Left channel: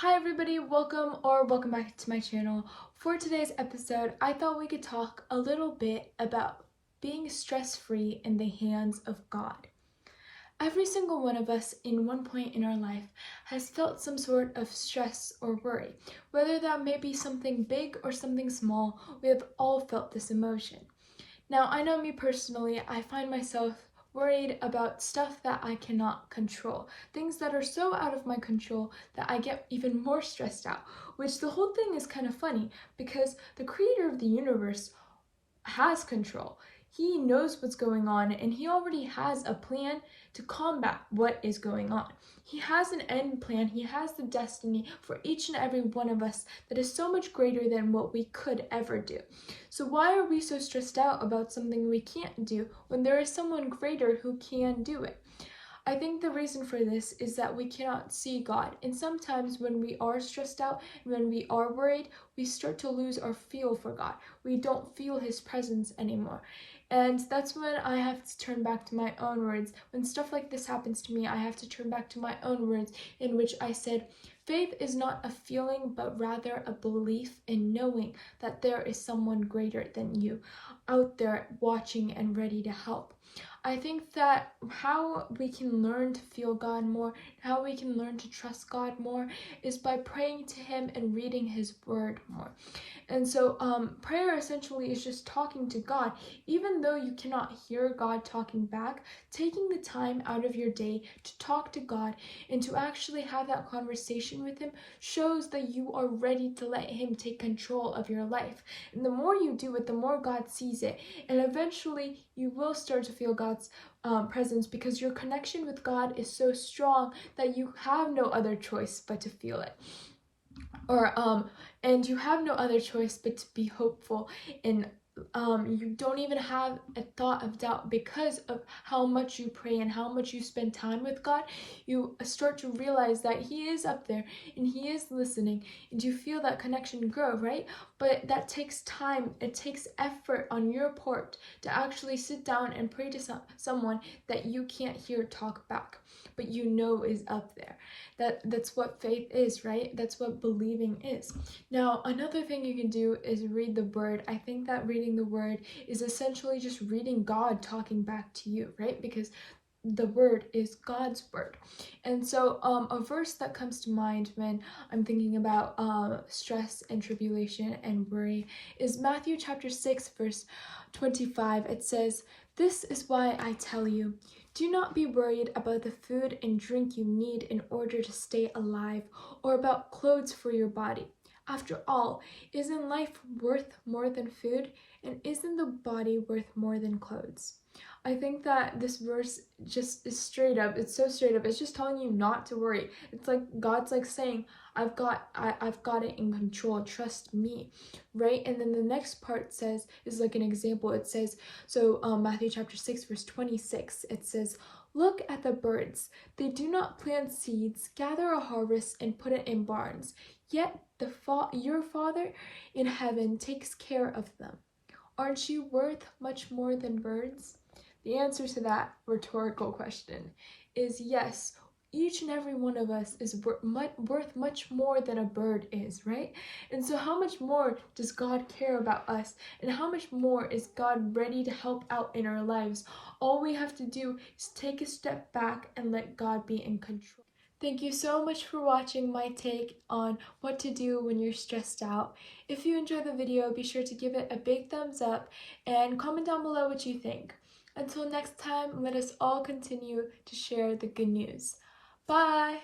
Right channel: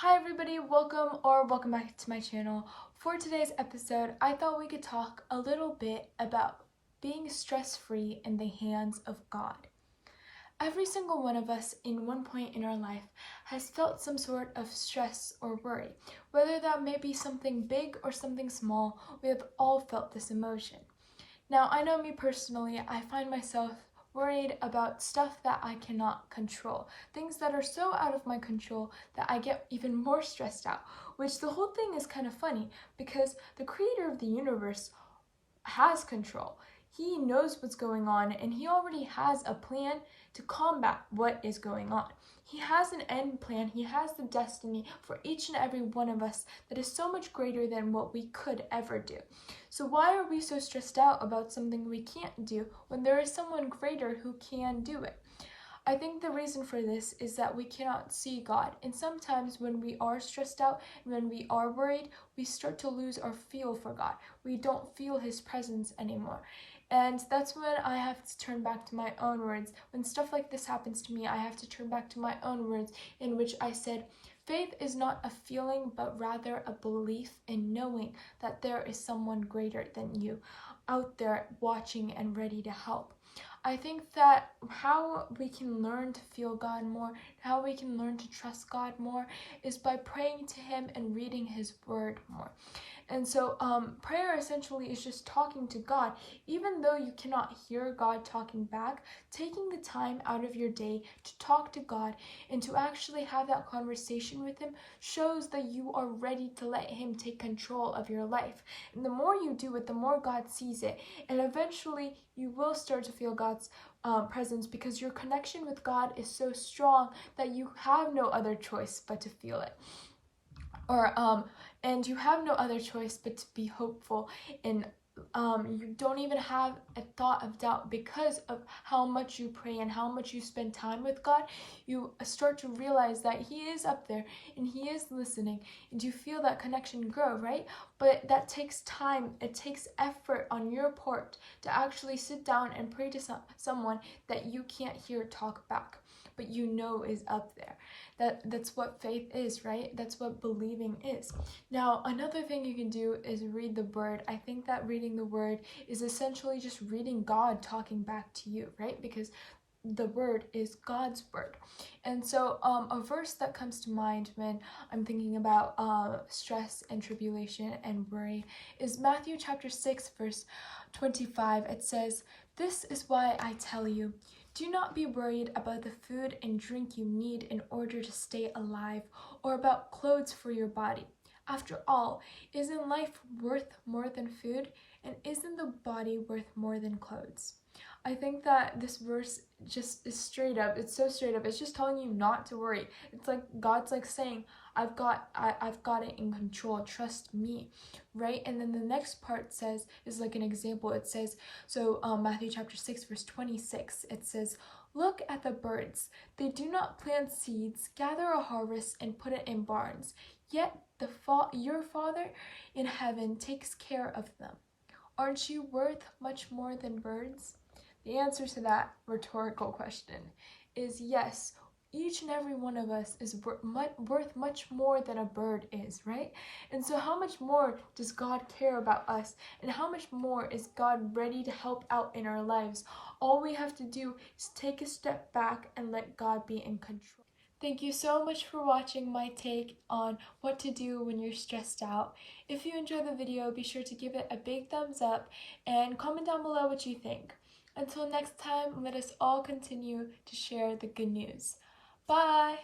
Hi everybody, welcome back to my channel. For today's episode, I thought we could talk a little bit about being stress-free in the hands of God. Every single one of us in one point in our life has felt some sort of stress or worry. Whether that may be something big or something small, we have all felt this emotion. Now, I know me personally, I find myself worried about stuff that I cannot control, things that are so out of my control that I get even more stressed out, which the whole thing is kind of funny because the creator of the universe has control. He knows what's going on and he already has a plan to combat what is going on. He has an end plan. He has the destiny for each and every one of us that is so much greater than what we could ever do. So why are we so stressed out about something we can't do when there is someone greater who can do it? I think the reason for this is that we cannot see God, and sometimes when we are stressed out and when we are worried, we start to lose our feel for God. We don't feel His presence anymore. And that's when I have to turn back to my own words. When stuff like this happens to me, I have to turn back to my own words in which I said, faith is not a feeling, but rather a belief in knowing that there is someone greater than you out there watching and ready to help. I think that how we can learn to feel God more, how we can learn to trust God more, is by praying to Him and reading His Word more. And so prayer essentially is just talking to God. Even though you cannot hear God talking back, taking the time out of your day to talk to God and to actually have that conversation with Him shows that you are ready to let Him take control of your life. And the more you do it, the more God sees it. And eventually you will start to feel God's presence because your connection with God is so strong that you have no other choice but to feel it. And you have no other choice but to be hopeful, and you don't even have a thought of doubt because of how much you pray and how much you spend time with God. You start to realize that He is up there and He is listening, and you feel that connection grow, right? But that takes time. It takes effort on your part to actually sit down and pray to someone that you can't hear talk back, but you know is up there. That's what faith is, right? That's what believing is. Now, another thing you can do is read the Word. I think that reading the Word is essentially just reading God talking back to you, right? Because the Word is God's Word. And so a verse that comes to mind when I'm thinking about stress and tribulation and worry is Matthew chapter 6 verse 25. It says, "This is why I tell you, do not be worried about the food and drink you need in order to stay alive, or about clothes for your body. After all, isn't life worth more than food? And isn't the body worth more than clothes?" I think that this verse just is straight up. It's so straight up. It's just telling you not to worry. It's like God's like saying, I've got it in control. Trust me, right? And then the next part is like an example. It says, so Matthew chapter 6 verse 26, it says, "Look at the birds. They do not plant seeds, gather a harvest, and put it in barns. Yet your Father in heaven takes care of them. Aren't you worth much more than birds?" The answer to that rhetorical question is yes. Each and every one of us is worth much more than a bird is, right? And so how much more does God care about us? And how much more is God ready to help out in our lives? All we have to do is take a step back and let God be in control. Thank you so much for watching my take on what to do when you're stressed out. If you enjoyed the video, be sure to give it a big thumbs up and comment down below what you think. Until next time, let us all continue to share the good news. Bye!